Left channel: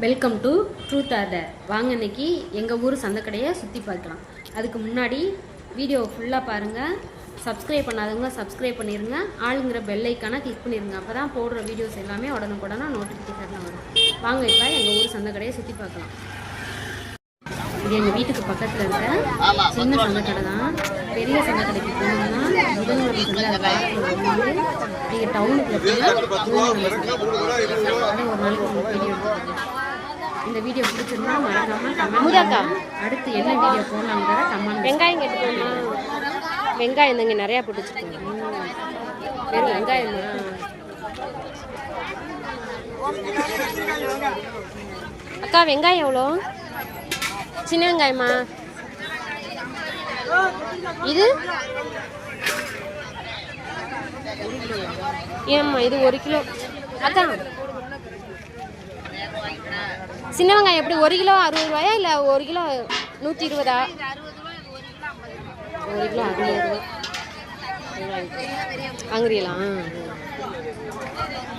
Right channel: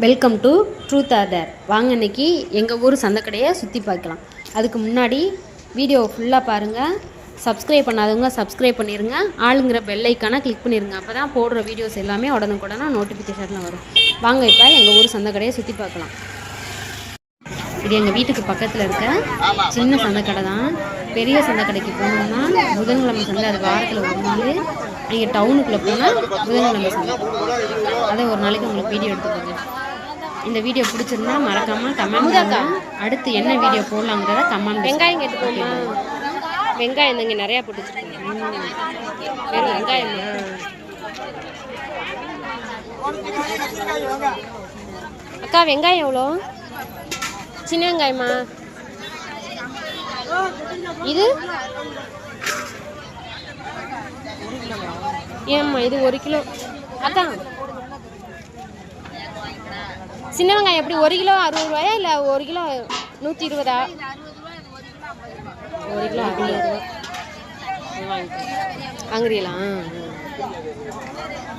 Welcome to truth or dare. வாங்க இன்றைக்கி எங்கள் ஊர் சந்தைக்கடையை சுற்றி பார்க்கலாம். அதுக்கு முன்னாடி வீடியோ ஃபுல்லாக பாருங்கள். சப்ஸ்கிரைப் பண்ணாதவங்க சப்ஸ்கிரைப் பண்ணிடுங்க. ஆளுங்கிற பெல் ஐக்கானை கிளிக் பண்ணிடுங்க. அப்போ தான் போடுற வீடியோஸ் எல்லாமே உடனுக்குடனே நோட்டிஃபிகேஷனில் வரும். வாங்க இப்போ எங்கள் ஊர் சந்தைக்கடையை சுற்றி பார்க்கலாம். இது எங்கள் வீட்டுக்கு பக்கத்தில் இருக்க சின்ன சந்தைக்கடை தான். பெரிய சந்தைக்கடைக்கு போனோம்னா புதன்கிழமை சந்தை, அது வாரத்தில் ஒரு நாள். நீங்கள் டவுனுக்குள்ளே போனால் புதன்கிழமை சந்தை. அதே ஒரு நாளைக்கு உங்களுக்கு வீடியோ எடுத்துக்கோங்க. இந்த வீடியோ பிடிச்சிருந்தா மறக்காமல் கமெண்ட். அடுத்து என்ன வீடியோ போடலாங்கிறத கமெண்ட். வெங்காயம் கேட்டுக்கோமா? வெங்காயம் இங்கே நிறையா போட்டுச்சுக்கோங்க. வெறும் வெங்காயம். அக்கா வெங்காயம் எவ்வளோ? சின்ன வெங்காயமா இது? ஏம்மா இது 1 கிலோ. அக்கா சின்ன வெங்காயம் எப்படி 1 கிலோ 60 ரூபாயா இல்லை 1 கிலோ 120? 1 கிலோ 60 ரூபா. வாங்குறீங்களா?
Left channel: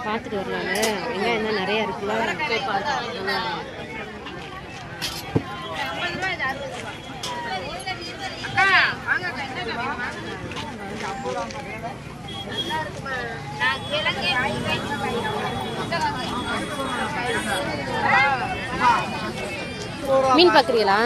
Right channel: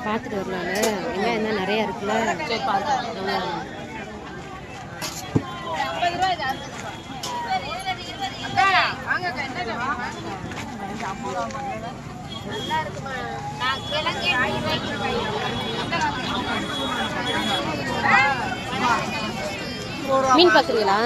பார்த்துட்டு வரலாம்ல. வெங்காயம் தான் நிறையா இருக்குல்ல. மீன் பார்க்குறீங்களா?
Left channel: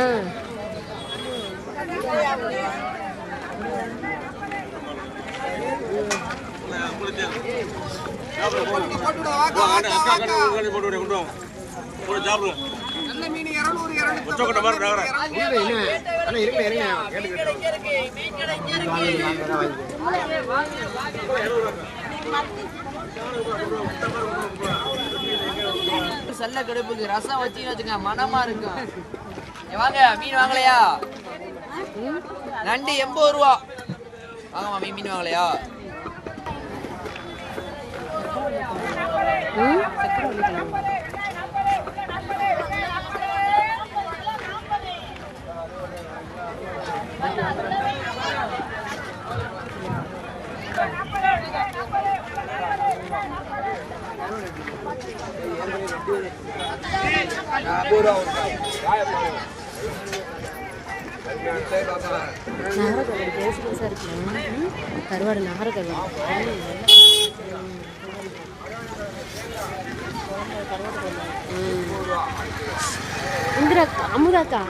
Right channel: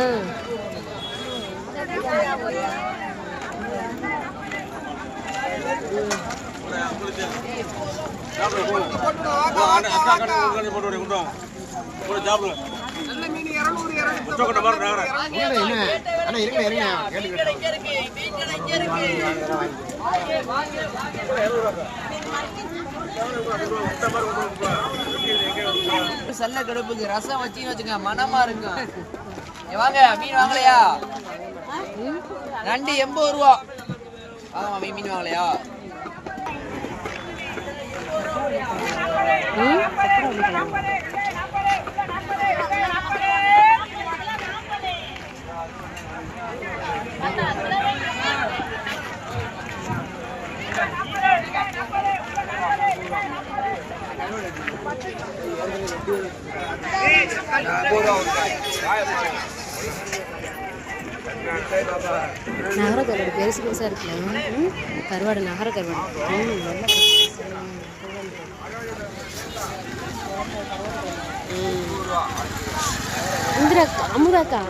சல்ல கடுப்புக்கு ரசம் வச்சிங்க வச்சுங்க, மனமா இருக்கும். வாங்க மீன் வாங்கலையா? நண்டு 80 ரூபா. ஆமா மீன் வாங்கலையா? நகர கருவாடு பெருசு பெருசாக இருக்கலாம். கருவாடு நகர கருவாடு. இந்திராக்கா, அமுதாக்கா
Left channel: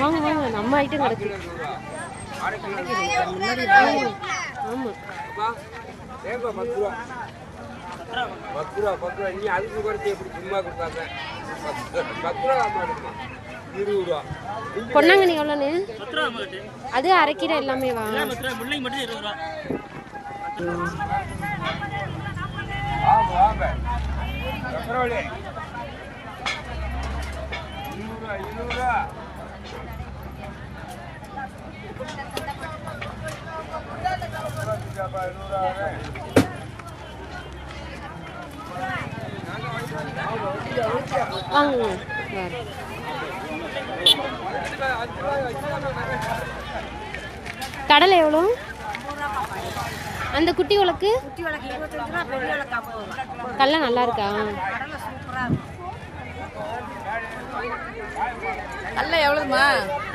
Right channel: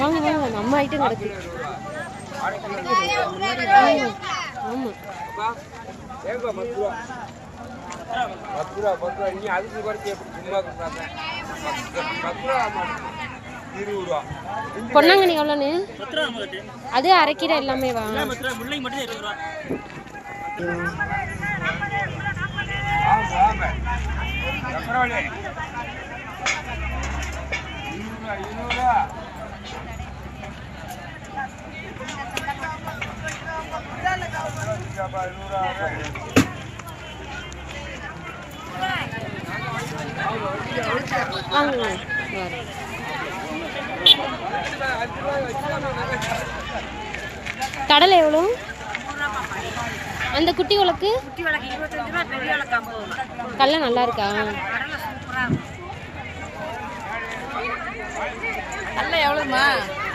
வாங்க வாங்க, நம்ம ஐட்டம் கிடக்கு. ஆமாம் ஆமாம். பொன்னாங்கண்ணி எவ்வளோன்னு? அது அரைக்கீரை எல்லாமே வா. வாங்க கடலை எவ்வளோ? அந்த குட்டி உலக்கு கடலை நல்லா இருக்கா? கடலை எவ்வளோங்க?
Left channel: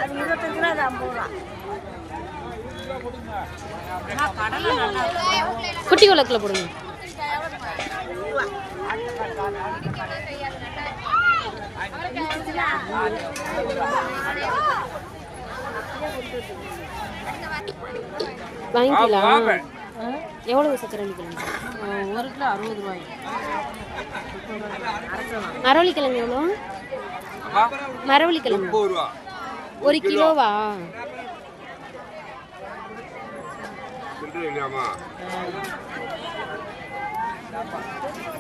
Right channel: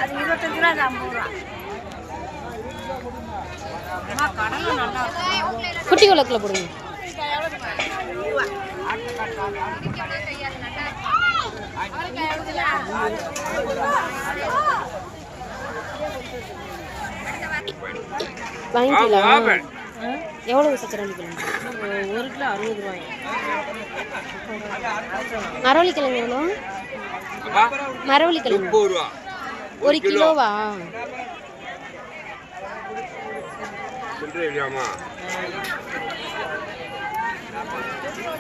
அது 25 ரூபா, அது 50 ரூபா. கடலை நல்லா இருக்கும். குட்டி உலக்கில் போடுங்க. வாங்கிக்கலாம். எவ்வளோ சக்கரவள்ளி கிழங்கு? 1 கிலோ 60 ரூபாய். மரவள்ளி கிழங்கு எவ்வளோ? மரவள்ளி கிழங்கு 1 கிலோவா?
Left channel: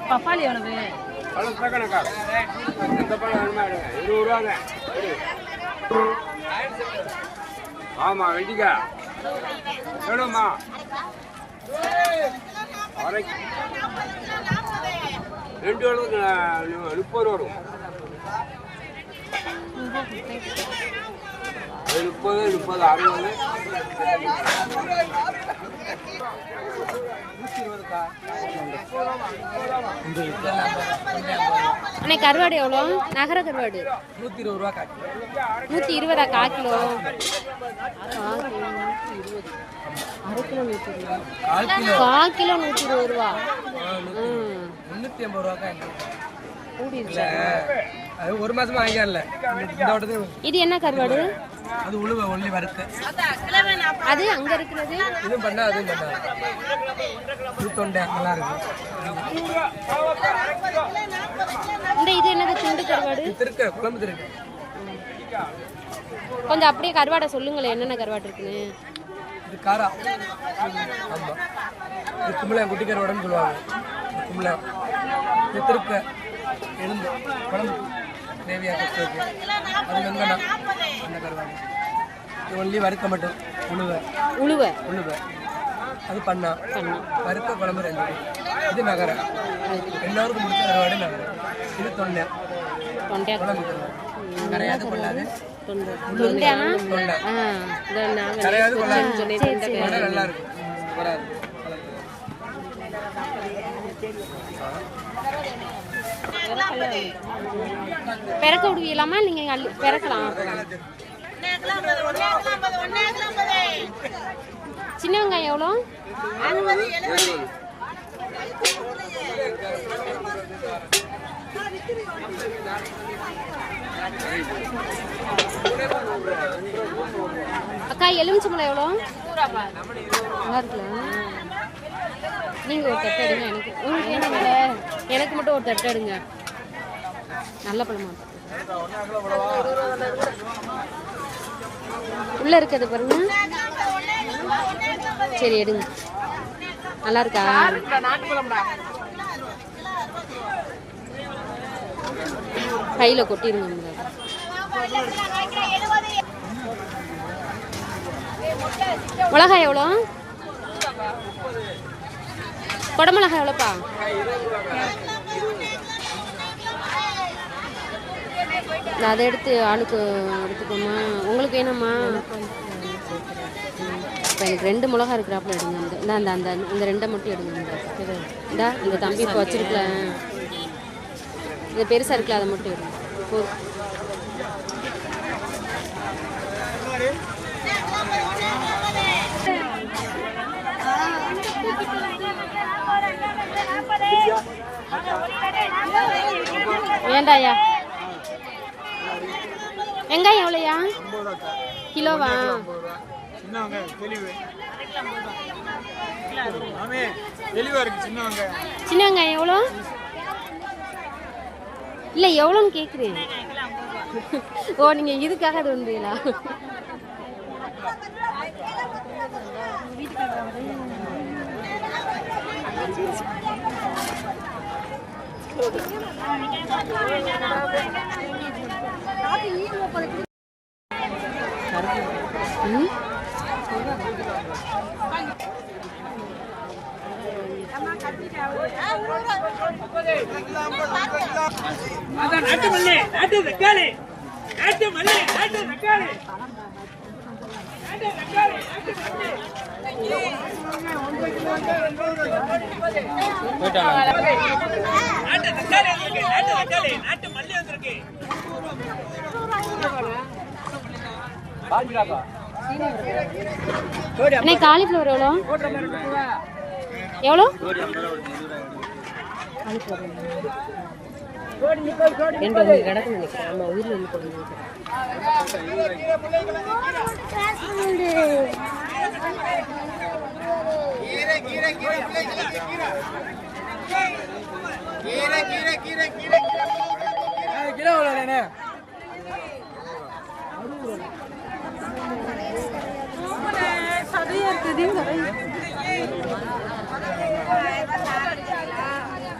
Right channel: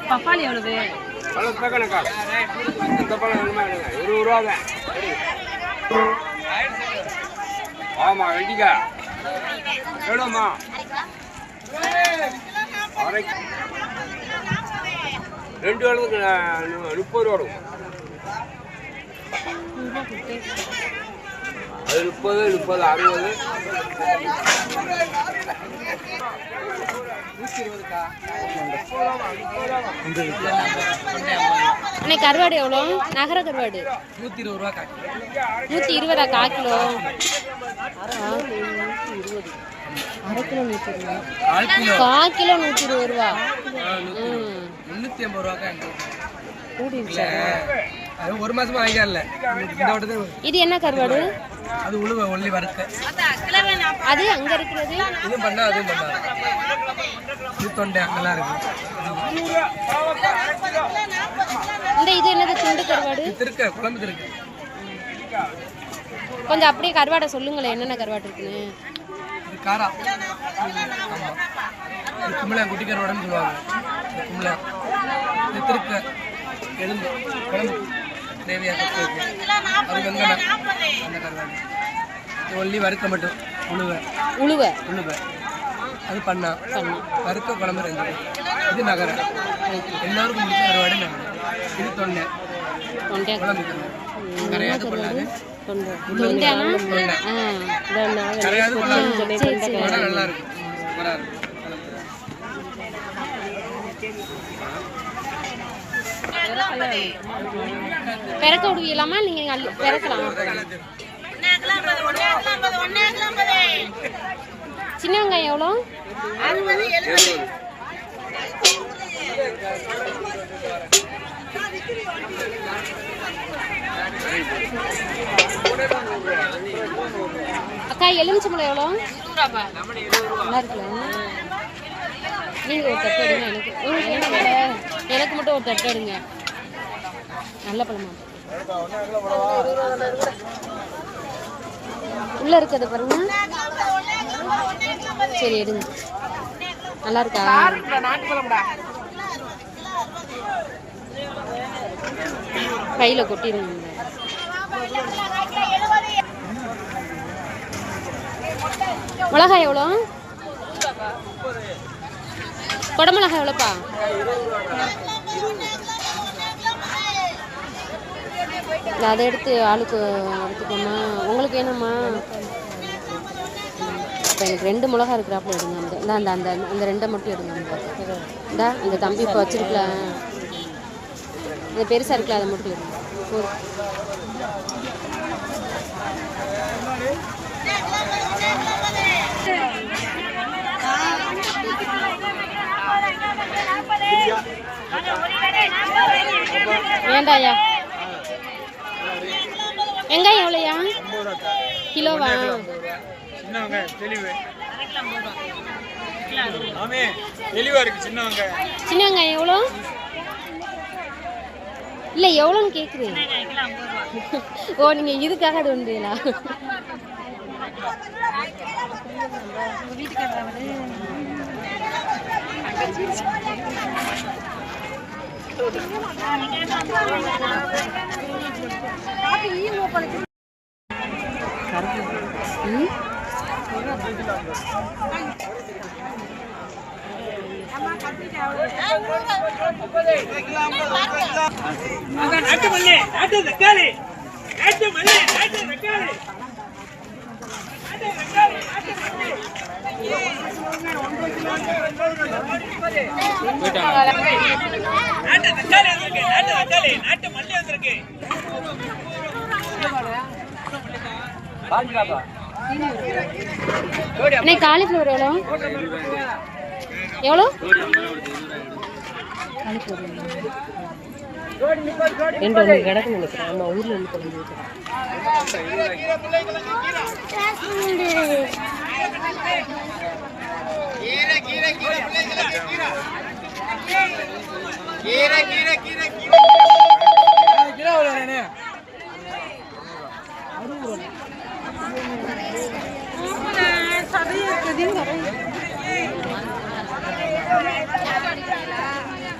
பப்பாளி எவ்வளவு? இந்த பழம் வேணுமா? 20 ரூபாங்க. ஆமா வெண்டிக்கா எவ்வளோம்மா? 2 அளவுக்கு 30 ரூபா கொடுக்குமா? அது 30, 60. அண்ணே கருவாடு எவ்வளோ? நகர கருவாடு 120 ரூபா காக்கி. 120 1/4 கிலோ. அரை கிலோ 120. 1/4 கிலோ 120 ரூபா. 350 ரூபாக்கா. கூடிருச்சு. அது ஒரு மாசமா வாங்கிக்கல. இந்த வட்டத்துல இது என்ன கருவாடு? அது உழுவ ஒல்லி வறுக்க. அது அங்க இருக்கிறது இதுவும் பண்ணா அதுவும் பண்ணா. இது தொண்டை நல்லா இருக்கு. இது என்னது? துண்டு கருவாடு. திருக்க குழம்பு திருக்க. கொஞ்சம் அப்படியே கருவாடை சொல்லுங்களேன், என்னென்ன கருவாடு இருக்குன்னு. இது காரா. ஆமா. இது கும்பளை குட்டி கருவாடுன்னு சொல்லுவாங்க. இந்த கும்பளை. இது திருக்க எலும்பு குழம்பு கிரேவியா கற்றுக்கு. அது வெங்கண்ணா அந்த கருவாடு. இது ஒல்லி வறுக்க மட்டும் உழுவ. உழுவ உழுவ அது பண்ணா. வறுக்க குழம்பு 2. இது நகர. எல்லாருக்கும் முடிச்ச கருவாடு நகர. இது தொண்டை. தொண்டை குழம்பு கருவாடு. கரையாது கொள்ளாது. தொண்டையானா? கரையாது கொள்ளாது. நல்லா இருக்கும். சூப்பரா இருக்கும். பெறக்க விடுவீங்களாமா? நீங்க பெறக்கலாம். சின்ன வெங்காயம் எவ்வளோ? 60, 70. அக்கா எலுமிச்சம்பழம் எவ்வளோ? நல்லா இருக்குல்ல? நீங்க ஒரு தட்டு எடுங்க. எனக்கு உங்களுக்கு என்ன வேலை? எனக்கு மட்டும் ஒரு தட்டு எடுங்க. நல்ல பழமா உள்ள இருக்கிறது பாருங்க. சரி எடுங்க. நல்லா இருக்கா? கையில கொட்டிடுங்க. மிளகாய் எவ்வளோ? கொடமிளகாய் எவ்வளோப்பா? அதை எடுத்து ஆளுக்கு எடுத்துக்கோமா. உங்களுக்கு வேணுமா? இப்போ எனக்கு 2 மிளகா இருக்கிறாப்புல எடுங்க. அந்த அந்த அந்த 2 மட்டும் எடுங்க. இந்த அந்த தம்பி இப்போ வச்சிருக்கல, அந்த பெருசாக இருக்குல்ல, அதை மட்டும் எடுங்க. போதும். வேண்டாயா? வெங்காயம் எவ்வளோயா கிலோவா? சின்ன வெங்காயம் எவ்வளோ? இல்லை எவ்வளோன்னு கேட்குறேன். ஓ நீங்கள் இதுக்காக அது ஒன்றீங்களா? காலிஃப்ளவர் எவ்வளோ? எவ்வளோ? காலிஃப்ளவர் 2 கிடக்கு நினைக்கிறேன். ஆமா ஊர்ல இருந்து கொண்டு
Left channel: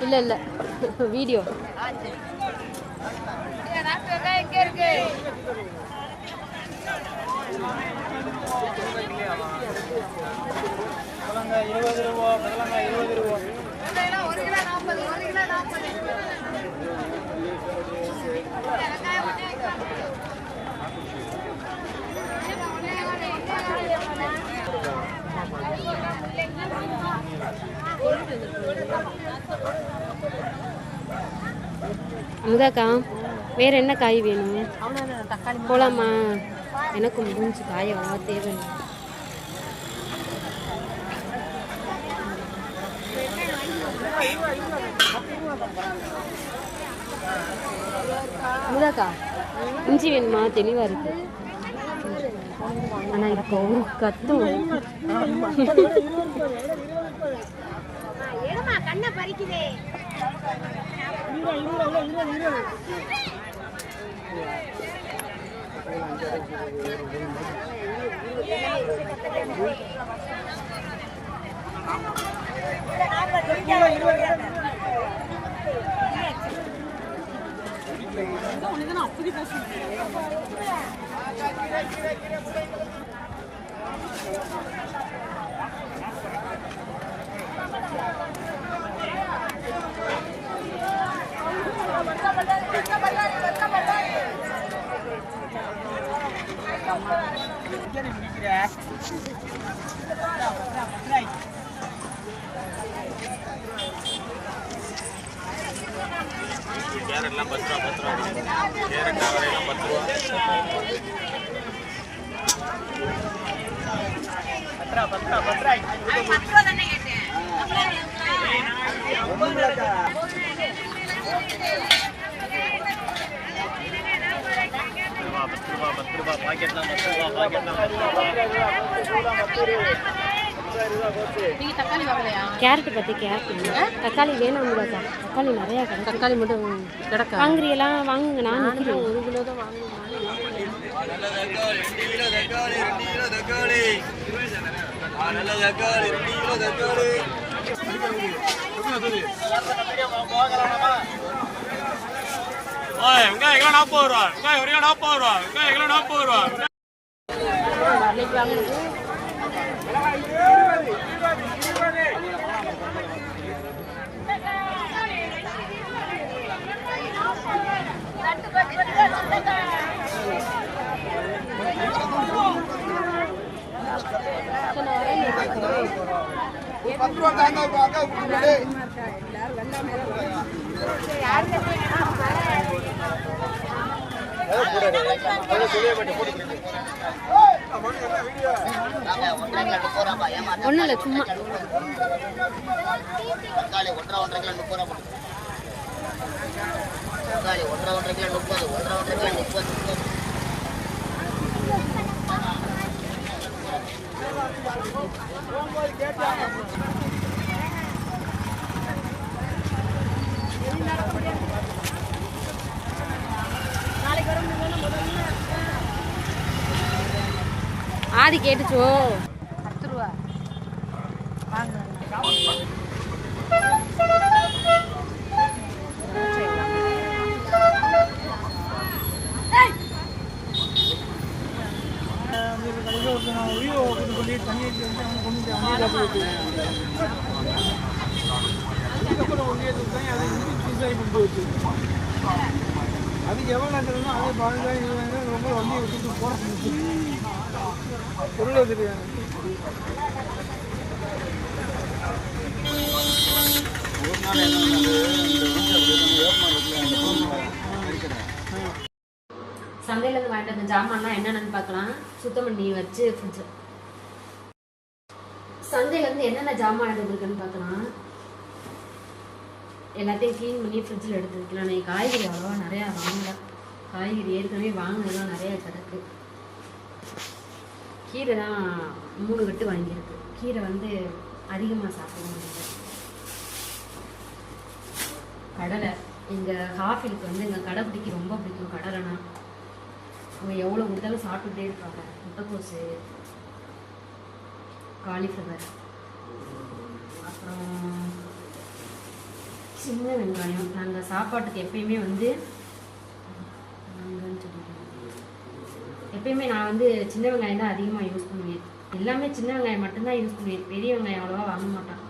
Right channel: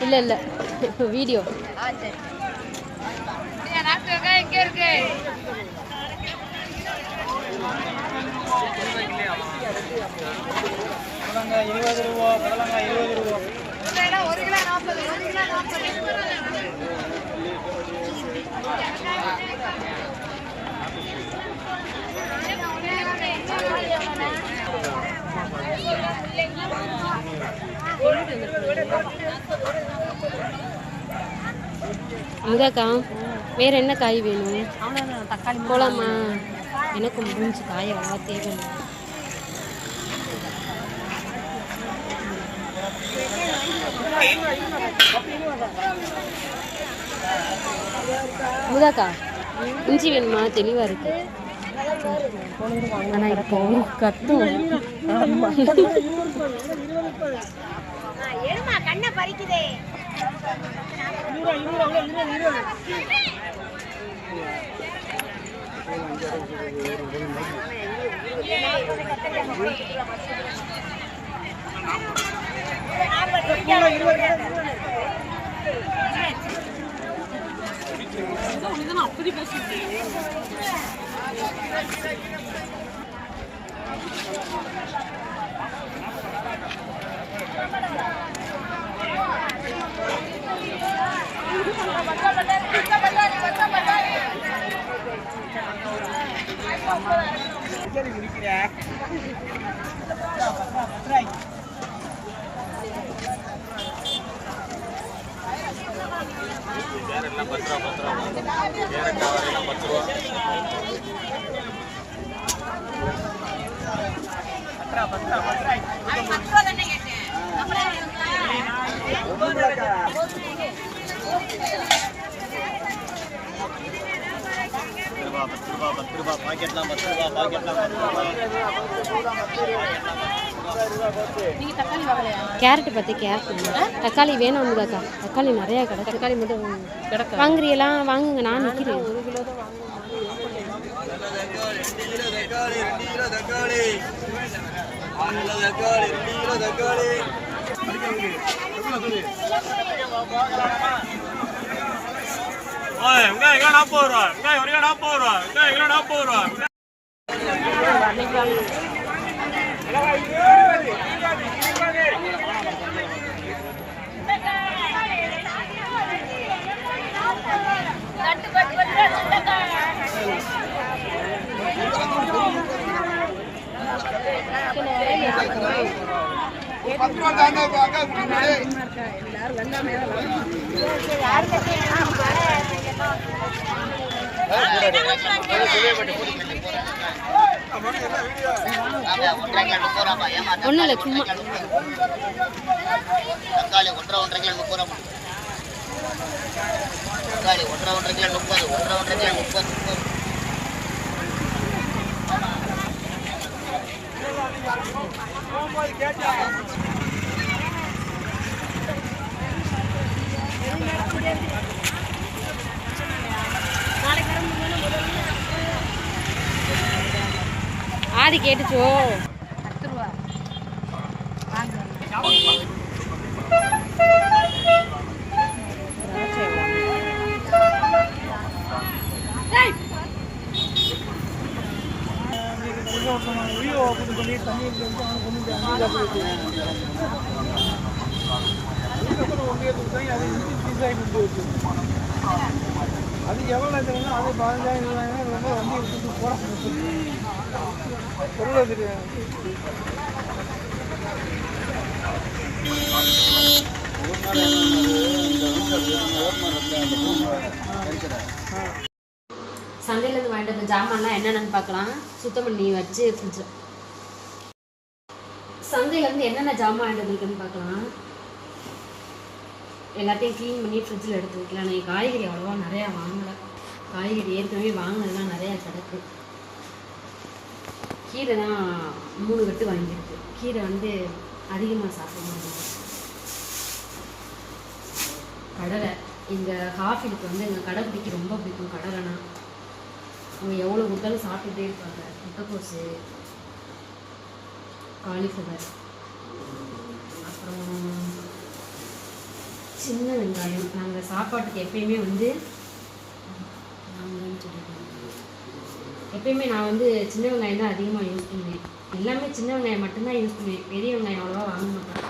இல்ல இல்ல வீடியோ முதாக்கா வேற என்ன காய் வேணும்? அவ்வளோதான் தக்காளி போலாமா? எனக்கு முடிஞ்சு காய் அவ்வளோ தேவையில்லை. முதாக்கா இஞ்சி வேணுமா? தெளிவா இருக்கு. ஆனா இப்போ கத்தும். கண்ணை பறிக்குதே. கேரட்லாம் 10 ரூபா கேரட் அவரையெல்லாம் 10 ரூபா. நீங்கள் தக்காளி வாங்கலையா? கேரட் பற்றி கேரட் தக்காளி வேணாம் முதாக்கா. தக்காளி நிறையா கிடக்கு. தக்காளி மட்டும் கிடக்க வாங்குறீங்களா? வாங்குங்க, நான் நிற்கிறேன். 1 கிலோ தான் தக்காளி 2 கிலோ தக்காளி 6 கிலோ தக்காளி 2 கிலோ தக்காளி. வெங்காயம் கிலோ 40 ரூபா. வெங்காயம் 1 கிலோ 40 ரூபா. வெங்காயம் கிலோ 40 ரூபா. ஒன்றும் இல்லை, சும்மா தக்காளி 1.5 கிலோ 30 ரூபா. தக்காளி 1.5 கிலோ 30. 1.5 கிலோ 30. ஆதி கேட்டுச்சோ? 10 ரூபா வாங்க. அதுக்கு எவ்வளோ நேரத்துலன்னா அதே 15,000 20,000 ரொம்ப வண்டி எடுத்துட்டு போகிறது பொருள் தெரியாது. சந்தையிலேருந்து வாங்கிட்டு வந்த ஜாமான்லாம் என்னென்னு பார்க்கலாம். சுத்தம் பண்ணி வச்சு ஃப்ரிட்ஜில் சந்தையிலேருந்து என்னென்ன ஜாமான் வாங்கிட்டு வந்துருக்குன்னு பார்க்கலாம். எல்லாத்தையும் க்ளீன் பண்ணி ஃப்ரிட்ஜில் எடுத்து வைக்கலாம். நீங்கள் காய்கறி அவ்வளோவா நிறையா வாங்கலை. காய்கறி ஏற்கனவே வாங்கினதுலாம் நிறையா கிடக்கு. கீரை தான் 3 கட்டு வாங்கியிருக்கு. கீரை வந்து அதிகமாக சாப்பிட முடியாது. கடலை எங்கள் ஹாஃபிலுக்கு வந்து எங்கள் கடைப்பிடிக்கு ரொம்ப பிடிக்கும் கடலைனா. அவங்க எவ்வளோ கொடுத்தாலும் சாப்பிட்டுட்டே இருப்பாங்க. முட்டைக்கோசு, காலிஃப்ளவர், அப்புறம் சின்ன வெங்காயம். நாங்கள் சாப்பாட்டுக்கு எப்பயுமே வந்து எப்பயுமே நான் வந்து சின்ன வெங்காயம் தான் அதிகமாக யூஸ் பண்ணுவேன். எல்லாமே சின்ன வெங்காயம் மட்டும்தான் யூஸ் பண்ணுவேன். பெரிய வெங்காயம் அவ்வளோவா வாங்க மாட்டேன்.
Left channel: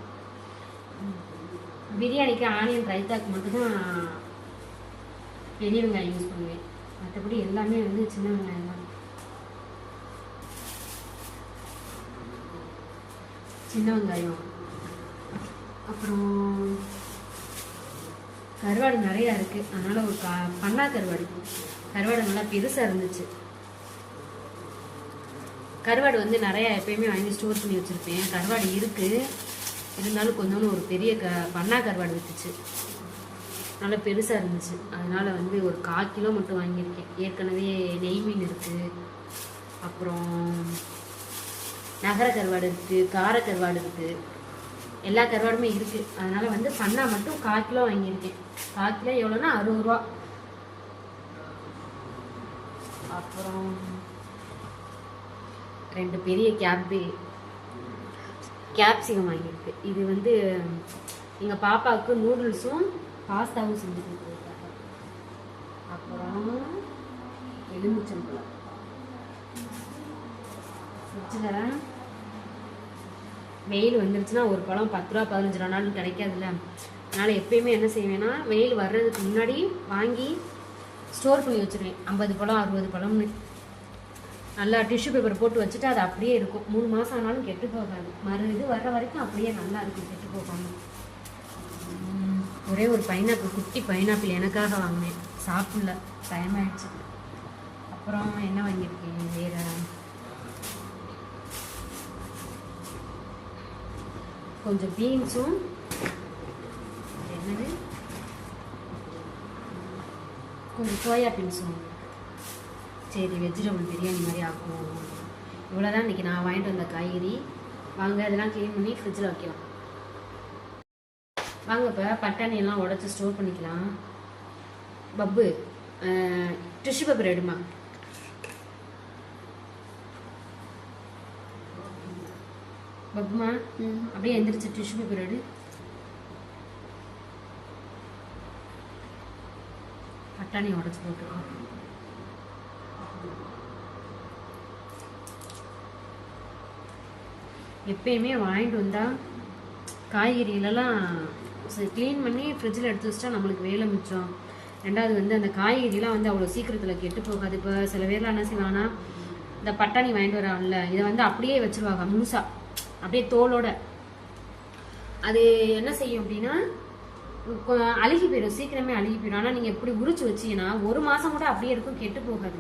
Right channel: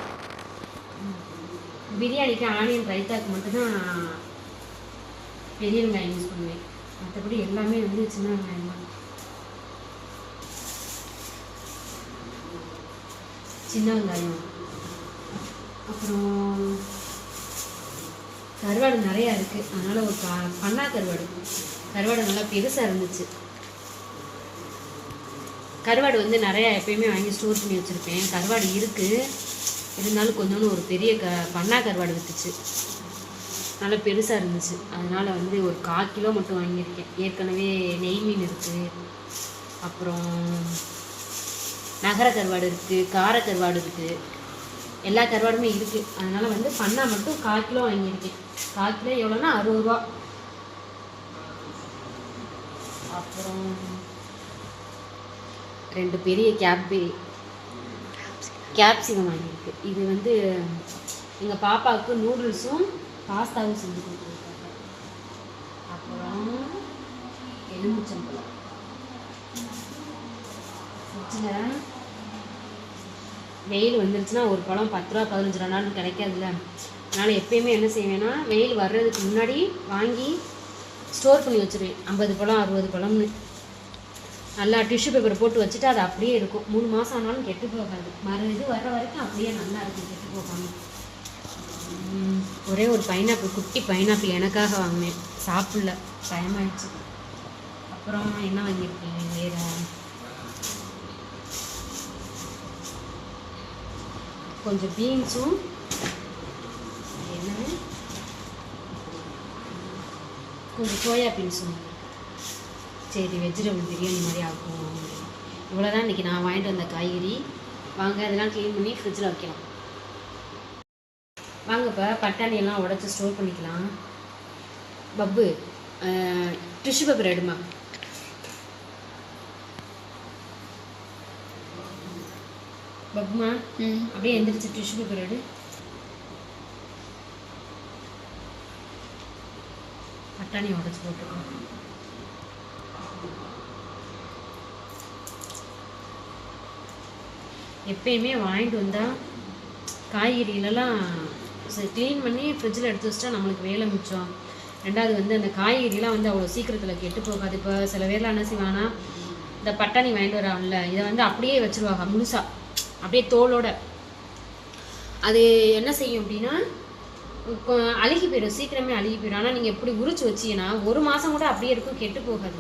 பிரியாணிக்கு ஆனியன் ரைத்தாக்கு மட்டும்தான் பெரிய வெங்காயம் யூஸ் பண்ணுவேன். மற்றபடி எல்லாமே வந்து சின்ன வெங்காயம் தான். சின்ன வெங்காயம், அப்புறம் கருவாடு நிறையா இருக்குது, அதனால் ஒரு பண்ணா கருவாடு. கருவாடு நல்லா பெருசாக இருந்துச்சு. கருவாடு வந்து நிறையா எப்பயுமே வாங்கி ஸ்டோர் பண்ணி வச்சுருப்பேன். கருவாடு இருக்குது, இருந்தாலும் கொஞ்சோண்டு ஒரு பெரிய பண்ணா கருவாடு விற்றுச்சு, நல்லா பெருசாக இருந்துச்சு. அதனால் வந்து ஒரு 1/4 கிலோ மட்டும் வாங்கியிருக்கேன். ஏற்கனவே நெய் மீன் இருக்குது, அப்புறம் நகர கருவாடு இருக்குது, கார கருவாடு இருக்குது, எல்லா கருவாடுமே இருக்குது. அதனால் வந்து பண்ணா மட்டும் 1/4 கிலோ வாங்கியிருக்கேன். 1/4 கிலோ எவ்வளோன்னா 60 ரூபா. அப்புறம் 2 பெரிய கேப்சிகம் வாங்கியிருக்கு. இது வந்து எங்கள் பாப்பாவுக்கு நூடுல்ஸும் பாஸ்தாவும் செஞ்சு கொடுத்துருக்காங்க. அப்புறம் எலுமிச்சம்பழம் ஃப்ரிட்ஜில் வெயில் வந்துருச்சுன்னா ஒரு பழம் 10 ரூபா 15 ரூபானாலும் கிடைக்காதுல்ல. அதனால் எப்பயுமே என்ன செய்வேன்னா வெயில் வர்றதுக்கு முன்னாடி வாங்கி ஸ்டோர் பண்ணி வச்சுருவேன். 50 பழம் 60 பழம்னு நல்லா டிஷ்யூ பேப்பர் போட்டு வச்சுட்டு அது அப்படியே இருக்கும். 3 மாதம் ஆனாலும் கெட்டு போகாது. இது வர்ற வரைக்கும் அப்படியே நல்லா இருக்கும், கெட்டு போகாமல். ஒரே ஒரு பைனாப்பிள், குட்டி பைனாப்பிள் எனக்காக வாங்கினேன், சாப்பிடல, பயமாயிடுச்சு. அப்புறம் என்ன வாங்கியிருக்கேன் வேறு, கொஞ்சம் பீன்ஸும் என்ன கொஞ்சம் சோயா பீன்ஸும். சரி, வெஜிடபிள் பிரியாணி மாதிரி ஆக்கும். இவ்வளோதான் இன்றைக்கி நான் வாங்கிட்டு வந்த காய்கறி. வாங்க அதெல்லாம் க்ளீன் பண்ணி ஃப்ரிட்ஜில் வைக்கலாம். வாங்க இப்போ பட்டாணியெல்லாம் உடச்சி ஸ்டோர் பண்ணிக்கலாம். பப்பு டிஷ்யூ பேப்பர் எடுமா. பப்புமா அப்படியே எந்திரிச்சு டிஷ்யூ பேப்பர் எடு. பட்டாணி உடச்சி போட்டுருக்கோம். எப்பயுமே வாங்கிட்டு வந்தால் காய்கறிகளெல்லாம் க்ளீன் பண்ணி ஃப்ரிட்ஜில் எடுத்து வச்சிட்டா நம்மளுக்கு வேலை மிச்சம். ரெண்டாவது வந்து அந்த காய்கறிலாம் வந்து அவ்வளோ சீக்கிரத்தில் கெட்டு போகாது. இப்போ சில பேர்லாம் என்ன செய்வாங்கன்னா இந்த பட்டாணி வாங்கிட்டு வராங்கல்ல, இதை வந்து அப்படியே வச்சுருவாங்க முழுசாக, அப்படியே தோலோட. அது என்ன செய்யும் அப்படின்னா அழுகி போயிடும், சீக்கிரமே அழுகி போயிடும். ஆனால் நீங்கள் எப்படி உரிச்சு வச்சிங்கன்னா 1 மாதம் கூட அப்படியே இருக்கும், கெட்டு போகாது.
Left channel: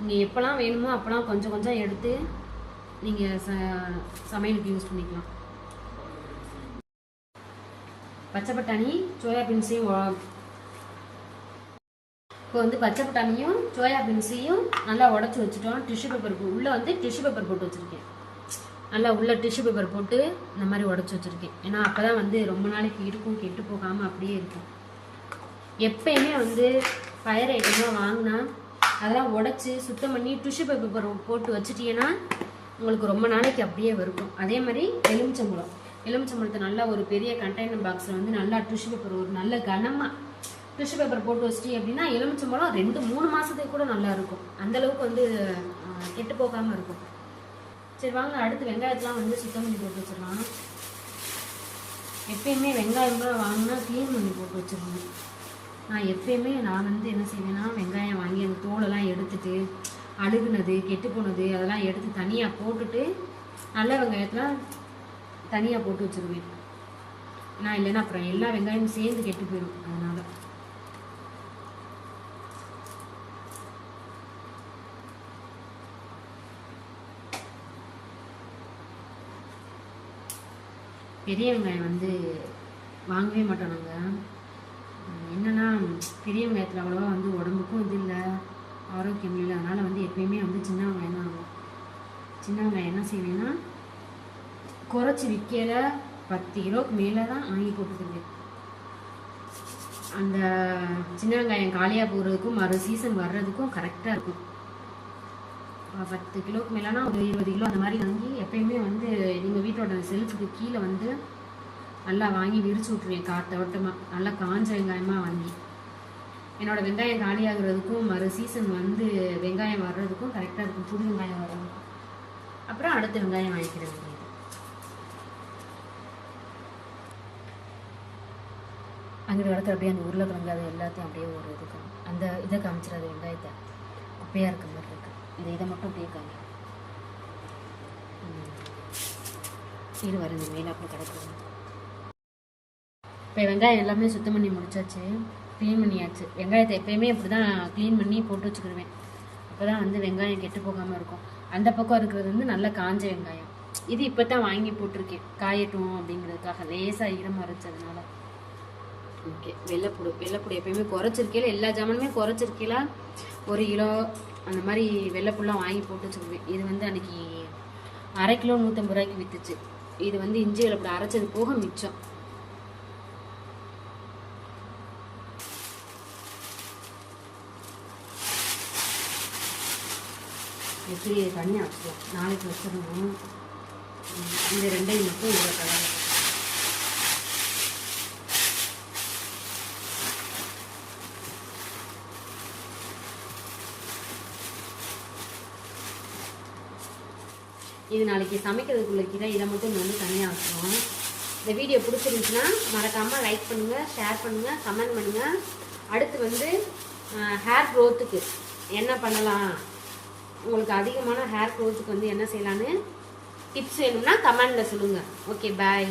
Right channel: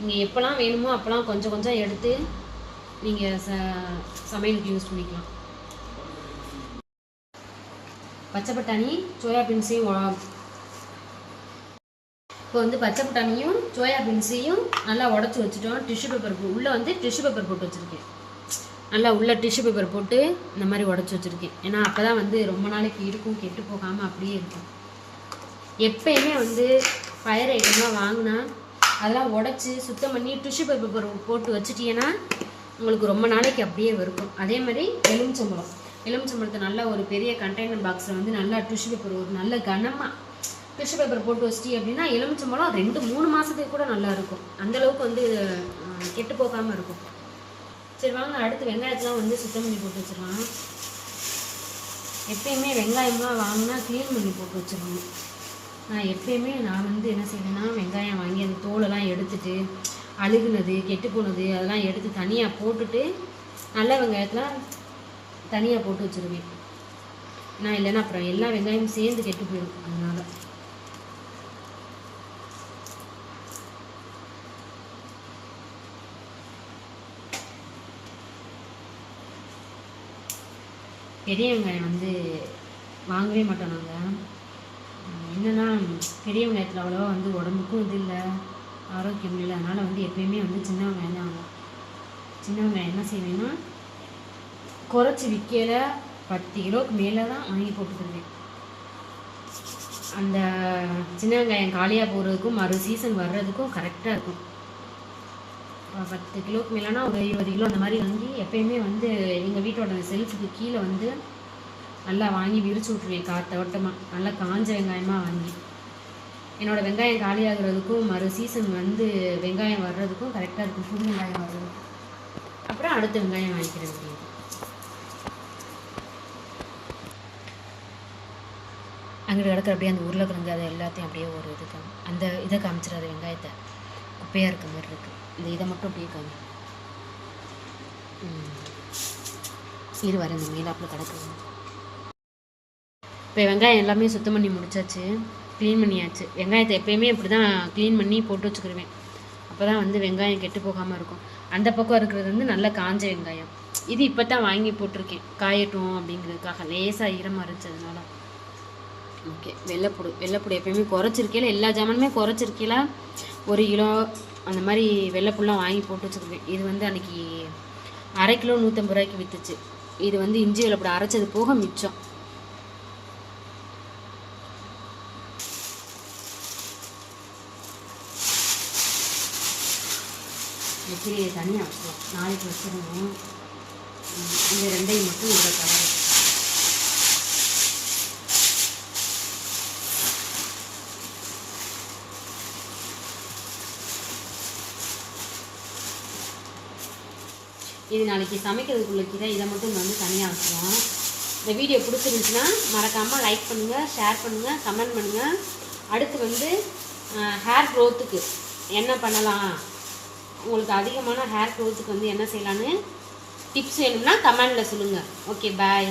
நீங்கள் எப்போல்லாம் வேணுமோ அப்போல்லாம் கொஞ்சம் கொஞ்சம் எடுத்து நீங்கள் சமையலுக்கு யூஸ் பண்ணிக்கலாம். பச்சை பட்டாணி சோயாபீன்ஸையும் இப்போ வந்து பச்சை பட்டாணியும் சோயாபீன்ஸையும் நல்லா உடச்சி வச்சுட்டோம். டிஷ்யூ பேப்பர் உள்ளே வந்து டிஷ்யூ பேப்பர் போட்டு வச்சுருக்கேன். நல்லா உள்ளே டிஷ்யூ பேப்பர் போட்டு இந்த மாதிரி உடச்சி வச்சுருக்கேன். ஏன்னா அப்போ தான் வந்து ரொம்ப நாளைக்கு இருக்கும், கெட்டு போகாமல் அப்படியே இருக்கும். எப்பயுமே வந்து ஃபயர் ஐட்டமாக வாங்கினா அதெல்லாம் உடச்சி சுத்தம் பண்ணி டிஷ்யூ பேப்பர் போட்டு வச்சுட்டீங்கன்னா உங்களுக்கு ரொம்ப நாளைக்கு அப்படியே இருக்கும். அதே மாதிரி எலுமிச்சம்பழத்தை நல்லா ஒரு பெரிய கண்டெய்னர் பாக்ஸில் வந்து நல்லா டிஷ்யூ பேப்பர் ஒரு நல்ல கனமாக டிஷ்யூ பேப்பர் போட்டு வச்சிட்டி அப்படின்னா எலுமிச்சம்பழம் 2-3 மாதத்துக்கு கூட நல்லா இருக்கும். அந்தளவுக்கு வந்து கெட்டு போகாமல் இருக்கும். சரி வாங்க அடுத்து வெங்காயத்தெலாம் வந்து சுத்தம் பண்ணி போட்டு வச்சிடலாம். எப்பயுமே வெங்காயம்லாம் வாங்கினா க்ளீன் பண்ணி போட்டு வச்சிடணும். நான் வந்து என்ன செய்வேன்னா வெங்காயம் வாங்கி அந்த தோலெல்லாம் எடுத்துட்டு அழுகுனது கெட்டு போனது அதெல்லாம் எடுத்து தனியாக போட்டுட்டு நல்ல வெங்காயத்தெலாம் தனியாக போட்டு வச்சுருவேன். நான் இல்லைன்னா அப்புறம் எல்லா வெங்காயமும் சேர்ந்து கெட்டு போயிடும். அதனால் பெரிய வெங்காயம் வந்து வாங்கவே மாட்டோம் நாங்கள். என்னென்னா பெரிய வெங்காயத்தில் அவ்வளோவா வந்து உடம்புக்கும் இது இல்லை, ஆரோக்கியம் இல்லை. அதனால் வந்து எப்பயுமே வந்து சின்ன வெங்காயம் தான் ஆகும். சின்ன வெங்காயம் என்ன செய்வேன்னா குறைச்சி விற்கல 10 கிலோவுக்கு மேலே தான் வாங்கி போட்டுக்கிடுவேன். அந்த சின்ன வெங்காயம் காலியாக போகிறதுக்கும் மறு சீசன் வர்றதுக்கும் கரெக்டாக இருக்கும். 10 கிலோவுக்கு மேலேனா ஒரு 20 கிலோ அந்த மாதிரி வாங்கி எப்பயுமே வந்து எங்கள் வீட்டோட செல்ஃபுக்கு கீழே வந்து நல்லா வாங்கி விரிச்சு விட்ருவேன். காத்தவட்டமாக நல்லா காஞ்ச வெங்காயமாக வாங்கி என்னோடய வெங்காயம் காலியாகிறதுக்கும் மறு சீசன் வந்து வெங்காயம் வர்றதுக்கும் கரெக்டாக இருக்கும். புது வெங்காயம் வர்றதுக்கும் அப்புறம் அடுத்த வெங்காயம் வாங்கிக்கிறது. அங்கே இடத்துல அப்படியே அந்த உருளைக்கிழங்கு அதை எல்லாத்தையும் அப்படியே ஒரு இதுக்கு அந்த இதை காமிச்சிடாது, வெங்காயத்தை குப்பையாக இருக்க மாதிரி இருக்குது. இதை மட்டும் அப்படியே காமி இது வர இந்த மீனாப்பில் கிடக்குது. இப்போ வெங்காயம் எல்லாமே சுத்தம் பண்ணி முடிச்சாச்சு, க்ளீன் பண்ணியாச்சு. வெங்காயத்தை எப்பயுமே இப்படி தான் க்ளீன் பண்ணி போட்டு வச்சுக்கிடுவேன். அப்போ தான் வந்து வெங்காயம் கெட்டு போகாமல் இருக்கும். அந்த பக்கம் இருக்கிறது வந்து நல்லா காஞ்ச வெங்காயம். இது இப்போ தான் வாங்கி போட்டிருக்கேன், காயட்டும் அப்படிங்கிறதுக்காக. லேசாக ஈரமாக இருந்துச்சு அதனால. ஓகே, வெள்ளைப்பூடு எப்பயுமே குறைச்சிருக்கீல, எல்லா ஜாமானுமே குறைச்சிருக்கீல. 1 கிலோ அந்த மாதிரி வெள்ளைப்பூலாம் வாங்கி போட்டு வச்சுருக்கேன். இது வந்து அன்றைக்கி அரை கிலோ 150 ரூபாய்க்கு விற்றுச்சு. இது வந்து இஞ்சி வெள்ளைப்பூடு அரைச்சது போக மிச்சம். எப்படி தனியாக வச்சுக்கலாம், நாளைக்கு வச்சிடணும். இந்த 2ஐயும் மட்டும் இதில் கலந்து இது நாளைக்கு சமைக்கிறதுக்குள்ள கீரை. இதை மட்டும் வந்து தனியாக வச்சுருவோம். இந்த வீடியோ பிடிச்சிருந்துச்சுன்னா மறக்காமல் லைக் பண்ணுங்கள், ஷேர் பண்ணுங்கள், கமெண்ட் பண்ணுங்கள். அடுத்து வந்து ஹேர் க்ரோத்துக்கு என்ன பண்ணலாம், உங்களுக்கு அதிகமான ஹேர் க்ரோத்துக்கு வந்து என்ன செய்யலான்னு டிப்ஸ் வேணும்னா கமெண்டில் சொல்லுங்கள். ஓகே, பாய்.